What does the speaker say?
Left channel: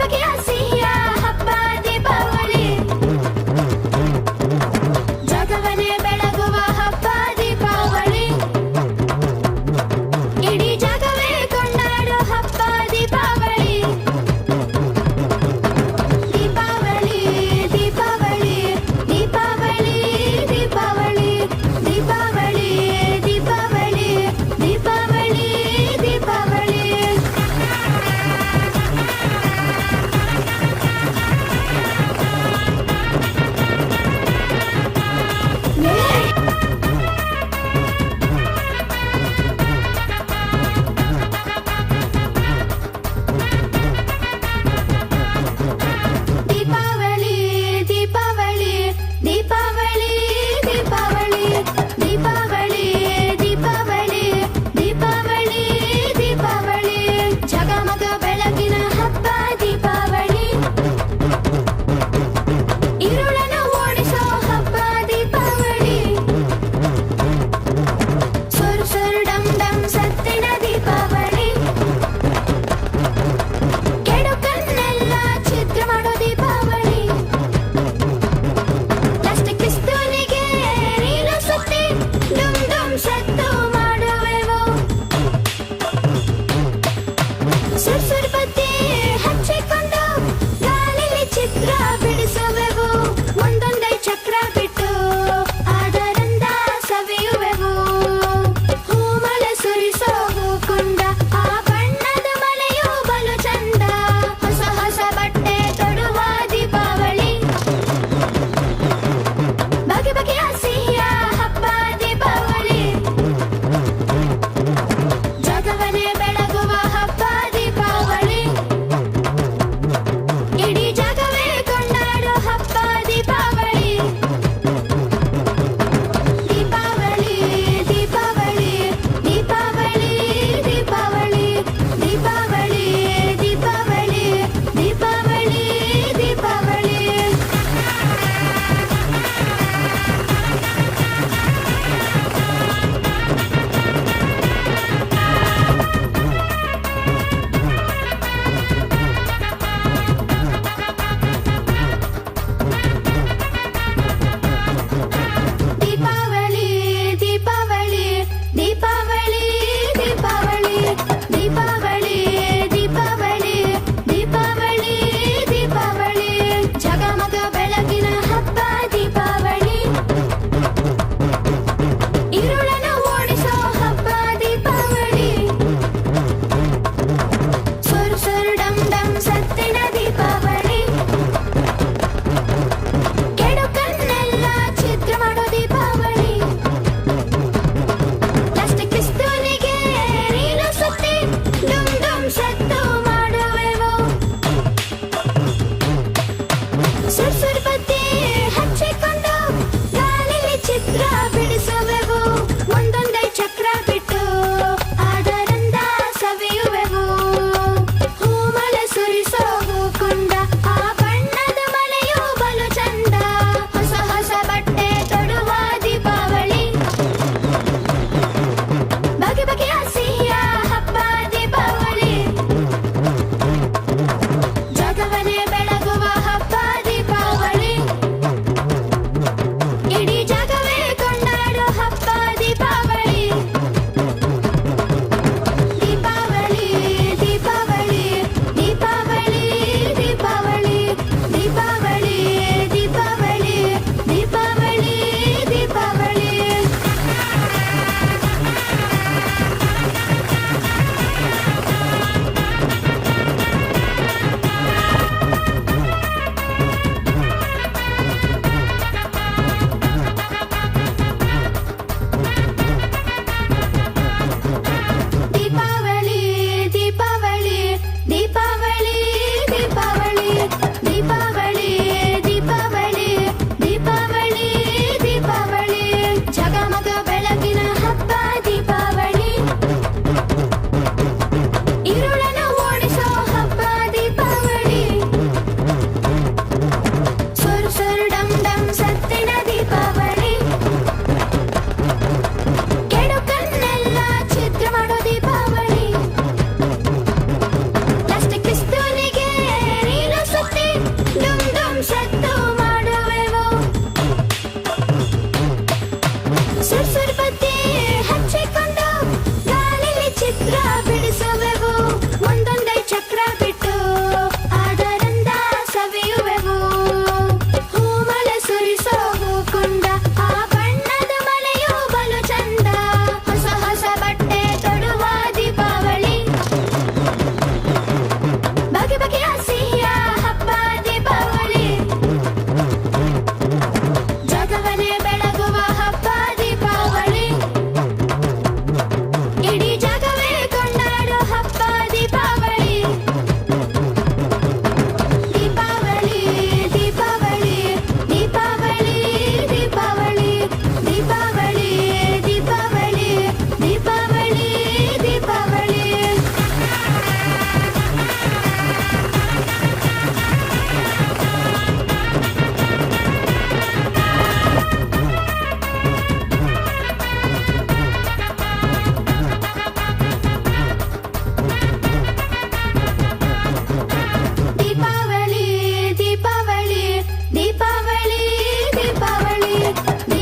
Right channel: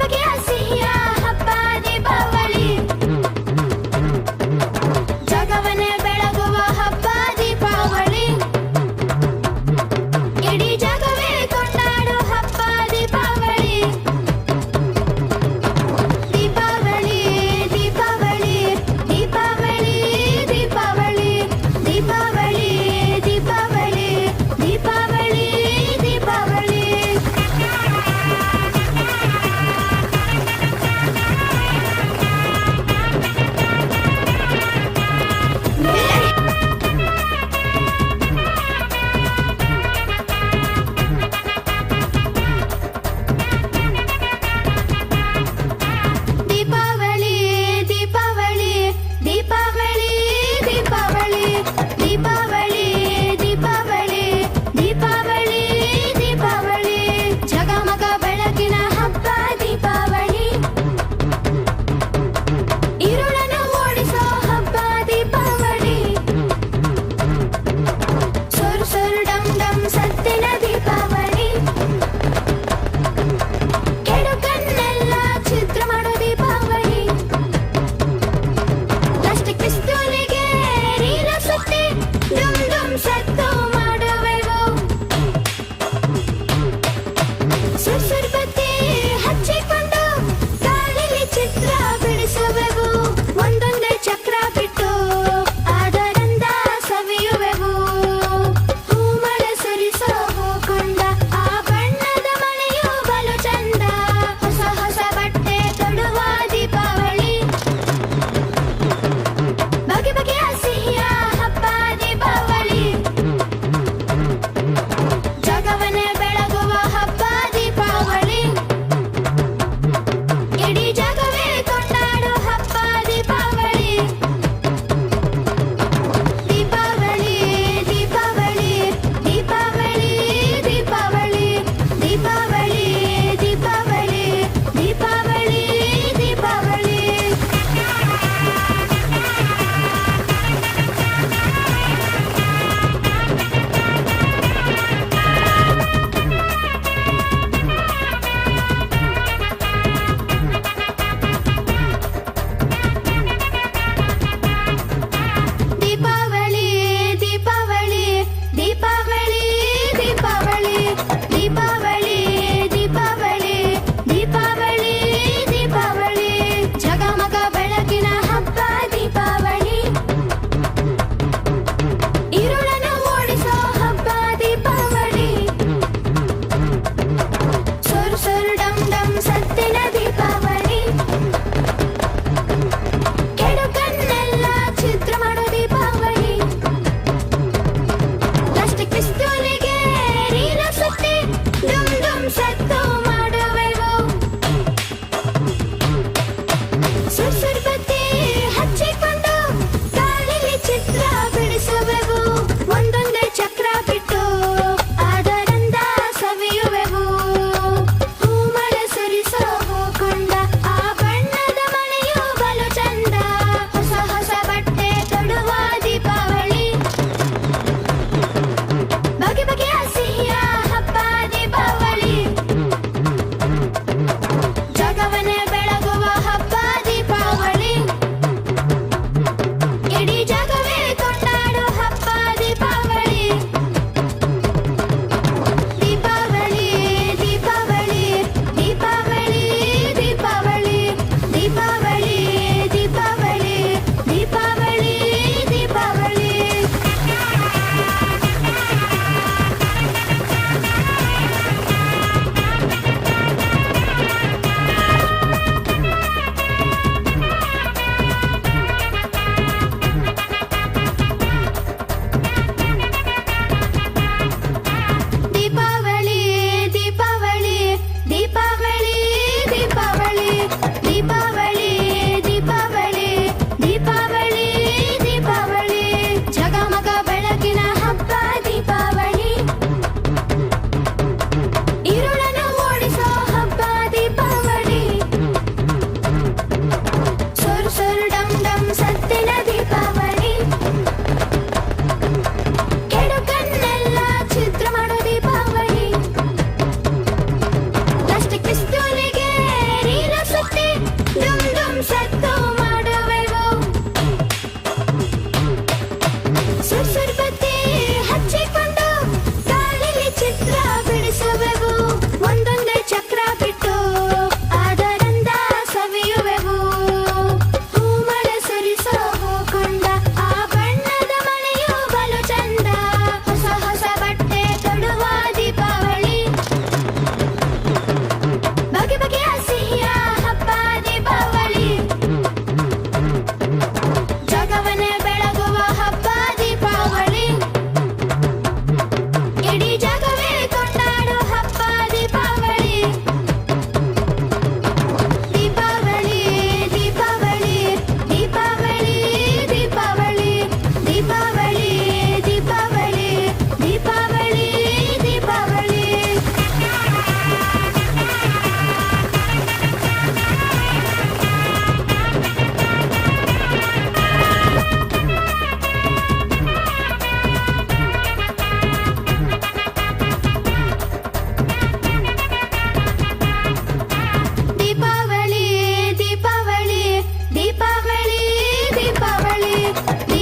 ಬಗೆ ಬಗೆಯ ಸಿಹಿಯ ಹಬ್ಬ ದೀಪಾವಳಿ, ಜಗವನ್ನೇ ಬೆಳಗುವ ಹಬ್ಬ ದೀಪಾವಳಿ, ಇಡೀ ಜಗವೇ ಕೊಂಡಾಡೋ ಹಬ್ಬ ದೀಪಾವಳಿ. ದೀಪಾವಳಿ ದೀಪಾವಳಿ ದೀಪಾವಳಿ ದೀಪಾವಳಿ ದೀಪಾವಳಿ ದೀಪಾವಳಿ ದೀಪಾವಳಿ ದೀಪಾವಳಿ. ದೀಪಾವಳಿ ದೀಪಾವಳಿ ದೀಪಾವಳಿ ದೀಪಾವಳಿ ದೀಪಾವಳಿ ದೀಪಾವಳಿ ದೀಪಾವಳಿ ದೀಪಾವಳಿ, ಜಗಮಗ ಬೆಳಕಿನ ಹಬ್ಬ ದೀಪಾವಳಿ, ഇരുಳನ್ನು ಓಡಿಸೋ ಹಬ್ಬ ದೀಪಾವಳಿ, ಸುರ್ ಸುರ್ ಡಮ್ ಡಮ್ ಸತ್ತಿನ ದೀಪಾವಳಿ, ಕೆಡುಕನ್ನೆಲ್ಲ ಛಿದ್ರ ಮಾಡೋ ದೀಪಾವಳಿ, ಪ್ಲಾಸ್ಟಿಕ್ ಪಿಸ್ತೂಲಿಗೆ ನೀರು ಸುತ್ತಿ ಡುಮ್ ಡುಮ್ ಸತ್ತು ಮಾಡುವೆವು, ಸುರ್ ಸುರ್ ಬತ್ತಿ ಹಚ್ಚಿಕೊಂಡು ಗಾಳಿಲಿ ಚಿತ್ರ ಬಿಡಿಸುವೆವು, ಒಂದೊಂದೇ ಚಕ್ರ ಬಿಟ್ಟು ಅದರಿಂದ ಸವಿಯುವೆವು, ಹೂಮಳೆ ಸುರಿಸೋ ಹೂಕುಂಡ, ಆ ಬಣ್ಣದ ಮಳೆಯು ಬಲು ಚಂದ, ಹೊಸ ಹೊಸ ಬಟ್ಟೆ ತೊಡುವ ದೀಪಾವಳಿ, ಬಗೆ ಬಗೆಯ ಸಿಹಿಯ ಹಬ್ಬ ದೀಪಾವಳಿ, ಜಗವನ್ನೇ ಬೆಳಗುವ ಹಬ್ಬ ದೀಪಾವಳಿ, ಇಡೀ ಜಗವೇ ಕೊಂಡಾಡೋ ಹಬ್ಬ ದೀಪಾವಳಿ. ದೀಪಾವಳಿ ದೀಪಾವಳಿ ದೀಪಾವಳಿ ದೀಪಾವಳಿ ದೀಪಾವಳಿ ದೀಪಾವಳಿ ದೀಪಾವಳಿ ದೀಪಾವಳಿ. ದೀಪಾವಳಿ ದೀಪಾವಳಿ ದೀಪಾವಳಿ ದೀಪಾವಳಿ ದೀಪಾವಳಿ ದೀಪಾವಳಿ ದೀಪಾವಳಿ ದೀಪಾವಳಿ, ಜಗಮಗ ಬೆಳಕಿನ ಹಬ್ಬ ದೀಪಾವಳಿ, ഇരുಳನ್ನು ಓಡಿಸೋ ಹಬ್ಬ ದೀಪಾವಳಿ, ಸುರ್ ಸುರ್ ಡಮ್ ಡಮ್ ಸತ್ತಿನ ದೀಪಾವಳಿ, ಕೆಡುಕನ್ನೆಲ್ಲ ಛಿದ್ರ ಮಾಡೋ ದೀಪಾವಳಿ, ಪ್ಲಾಸ್ಟಿಕ್ ಪಿಸ್ತೂಲಿಗೆ ನೀರು ಸುತ್ತಿ ಡುಮ್ ಡುಮ್ ಸತ್ತು ಮಾಡುವೆವು, ಸುರ್ ಸುರ್ ಬತ್ತಿ ಹಚ್ಚಿಕೊಂಡು ಗಾಳಿಲಿ ಚಿತ್ರ ಬಿಡಿಸುವೆವು, ಒಂದೊಂದೇ ಚಕ್ರ ಬಿಟ್ಟು ಅದರಿಂದ ಸವಿಯುವೆವು, ಹೂಮಳೆ ಸುರಿಸೋ ಹೂಕುಂಡ, ಆ ಬಣ್ಣದ ಮಳೆಯು ಬಲು ಚಂದ, ಹೊಸ ಹೊಸ ಬಟ್ಟೆ ತೊಡುವ ದೀಪಾವಳಿ, ಬಗೆ ಬಗೆಯ ಸಿಹಿಯ ಹಬ್ಬ ದೀಪಾವಳಿ, ಜಗವನ್ನೇ ಬೆಳಗುವ ಹಬ್ಬ ದೀಪಾವಳಿ, ಇಡೀ ಜಗವೇ ಕೊಂಡಾಡೋ ಹಬ್ಬ ದೀಪಾವಳಿ. ದೀಪಾವಳಿ ದೀಪಾವಳಿ ದೀಪಾವಳಿ ದೀಪಾವಳಿ ದೀಪಾವಳಿ ದೀಪಾವಳಿ ದೀಪಾವಳಿ ದೀಪಾವಳಿ. ದೀಪಾವಳಿ ದೀಪಾವಳಿ ದೀಪಾವಳಿ ದೀಪಾವಳಿ ದೀಪಾವಳಿ ದೀಪಾವಳಿ ದೀಪಾವಳಿ ದೀಪಾವಳಿ, ಜಗಮಗ ಬೆಳಕಿನ ಹಬ್ಬ ದೀಪಾವಳಿ, ഇരുಳನ್ನು ಓಡಿಸೋ ಹಬ್ಬ ದೀಪಾವಳಿ, ಸುರ್ ಸುರ್ ಡಮ್ ಡಮ್ ಸತ್ತಿನ ದೀಪಾವಳಿ, ಕೆಡುಕನ್ನೆಲ್ಲ ಛಿದ್ರ ಮಾಡೋ ದೀಪಾವಳಿ, ಪ್ಲಾಸ್ಟಿಕ್ ಪಿಸ್ತೂಲಿಗೆ ದೀಪ